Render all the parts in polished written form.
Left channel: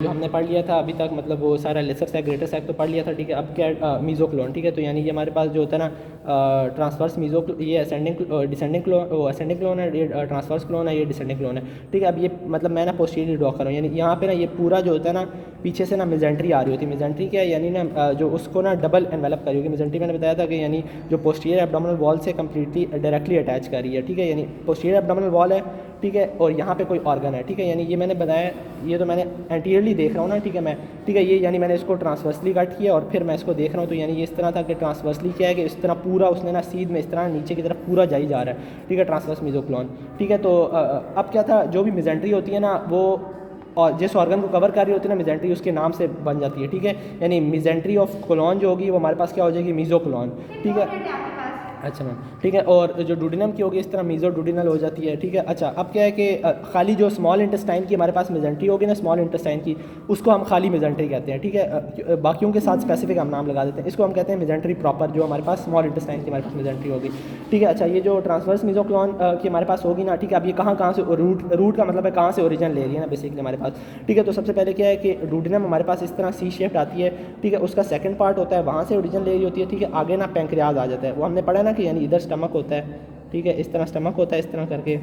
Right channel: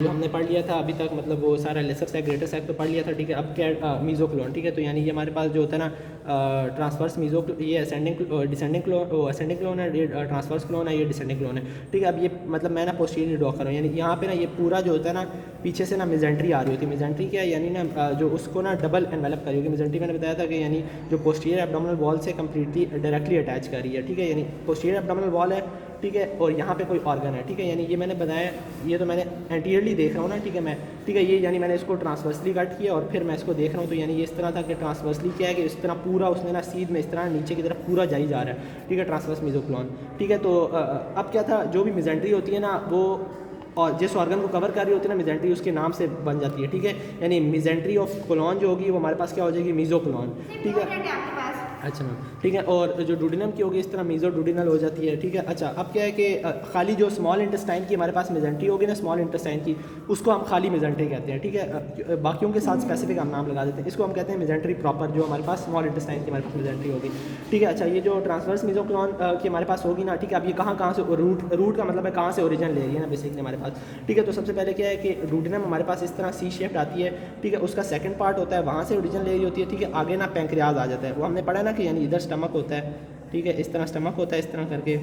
जो हमने पढ़ लिया था अभी तक, मतलब वो सारा लेसर सैक ग्रेटर सैक तो पढ़ लिया था, ठीक है। अब क्या मीज़ोक्लोन, ठीक है। तो यानी ये हमारे पास जो होता है ना ट्रांसवर्स मीज़ो, ये डिसेंडिंग क्लोन है, ये ट्रांसवर्स क्लोन है, ये डिसेंडिंग क्लोन है, ठीक है। अब ये मतलब मैं ना पोस्टीरियर ड्रॉ कर रहा हूँ, यानी यहाँ पे ना ये पूरा जो होता है ना पीछे से ना मिजेंट्री आ रही होती है। मिजेंट्री क्या है, यानी ना जो उसको ना डबल एनवेलप करी होगी। मिजेंट्री मैंने बताया था कि यानी जो पोस्टीरियर एब्डोमिनल वॉल से कम्प्लीटली डायरेक्टली अटैच कर रही है, ठीक है। यानी पोस्टीरियर एब्डोमिनल वॉल है, ठीक है, और यहाँ पे कोई ऑर्गन है, ठीक है। यानी ये मैंने बताया, ये तो मैंने एंटीरियरली देख रहा हूँ ना, ठीक है मैं, ठीक है। ये यानी मैंने इसको ट्रांसवर्सली कट किया और फिर मैं इसको देख रहा हूँ। तो यानी ये इस तरह था कि ट्रांसवर्सली क्या है कि इस तरह पूरा उसने ना सीध में इस तरह नीचे की तरफ पूरा जाई जा रहा है, ठीक है, ट्रांसवर्स मीज़ोक्लोन, ठीक है। तो अब क्या था, जो भी मिजेंट्री होती है ना वो और जिस ऑर्गन को कवर कर रही होती है ना मिजेंट्री, उसके नाम से बन जाती है, ठीक है। यानी मिजेंट्री ऑफ कोलोन जो होगी वो हमारे पास क्या हो जाएगी, मीज़ोक्लोन, ठीक है। अच्छा मैम, ठीक है। और जो डुडिनम की होगी इस तरह मीज़ो डुडिनल हो जाती है, ठीक है। अच्छा, अब क्या है कि खाली जो स्मॉल इंटेस्टाइन की हमारे पास मिजेंट्री होगी ना, स्मॉल इंटेस्टाइन की, उसको हम खाली मिजेंट्री कहते हैं, ठीक है। बाकियों के साथ स्पेसिफिक हम नाम लगा देते हैं, इसको हम कहते हैं मिजेंट्री प्रॉपर, जो हमारे पास स्मॉल इंटेस्टाइन की हमारे पास मिजेंट्री होगी, ठीक है। अच्छा, ये जो ट्रांसवर्स मीज़ोक्लोन की हमारे पास होगी ना, ठीक है। अब ये कहाँ से रूट का मतलब है कहाँ से ओरिजिन ले रही है ना बेसिकली हमारे पास, ठीक है। तो सबसे पहले क्या है कि डुडिनम हमारे पास इस तरह सी शेप्ड आती है, ठीक है। उसका सेकंड पार्ट होता है, वहाँ से ओरिजिन ले रही होती है, ठीक है। आगे ना पैंक्रियाज आ जाता है, वो हमने पढ़ा ना कि यानी इधर स्टमक होता है, ठीक है, इस तरह स्टमक होता है इस तरह करके,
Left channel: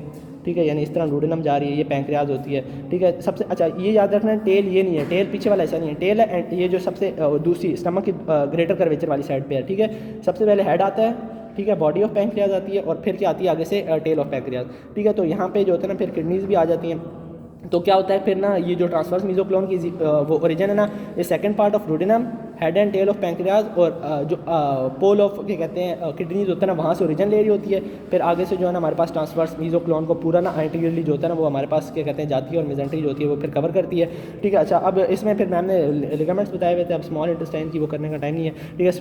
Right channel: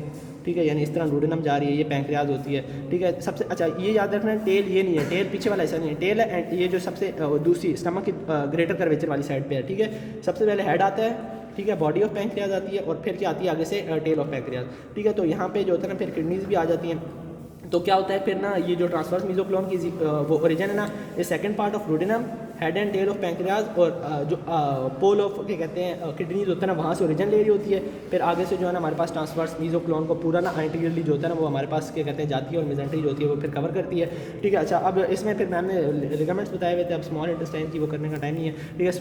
ठीक है। यानी इस तरह डुडिनम जा रही है, ये पैंक्रियाज होती है, ठीक है। सबसे अच्छा ये याद रखना है, टेल ये नहीं है, टेल पीछे वाला ऐसा नहीं है, टेल है एंड ये जो सबसे दूसरी स्टमक की ग्रेटर कर्वेचर वाली साइड पे है, ठीक है। सबसे पहले हेड आता है, ठीक है, बॉडी ऑफ पैंक्रियाज आती है और फिर क्या आती है आगे से टेल ऑफ पैंक्रियाज, ठीक है। तो यहाँ पे जो होता है ना फिर किडनीज भी आ जाती हैं। तो क्या होता है फिर ना, ये जो ट्रांसवर्स मीज़ोक्लोन की वो ओरिजिन है ना, ये second part of duodenum, head and tail of pancreas और जो पोल ऑफ क्या कहते हैं किडनीज होता है ना, वहाँ से ओरिजिन ले रही होती है। फिर आगे से जो है ना हमारे पास ट्रांसवर्स मीज़ोक्लोन को पूरा ना एंटीरियरली जो होता है ना वो हमारे पास क्या कहते हैं जाती है, और मिजेंट्री जो होती है वो फिर कवर करती है, ठीक है। अच्छा, अब इसमें फिर मैम ने लिगामेंट्स बताए हुए थे, अब स्मॉल इंटेस्टाइन की वो करने का टाइम नहीं है, ठीक है।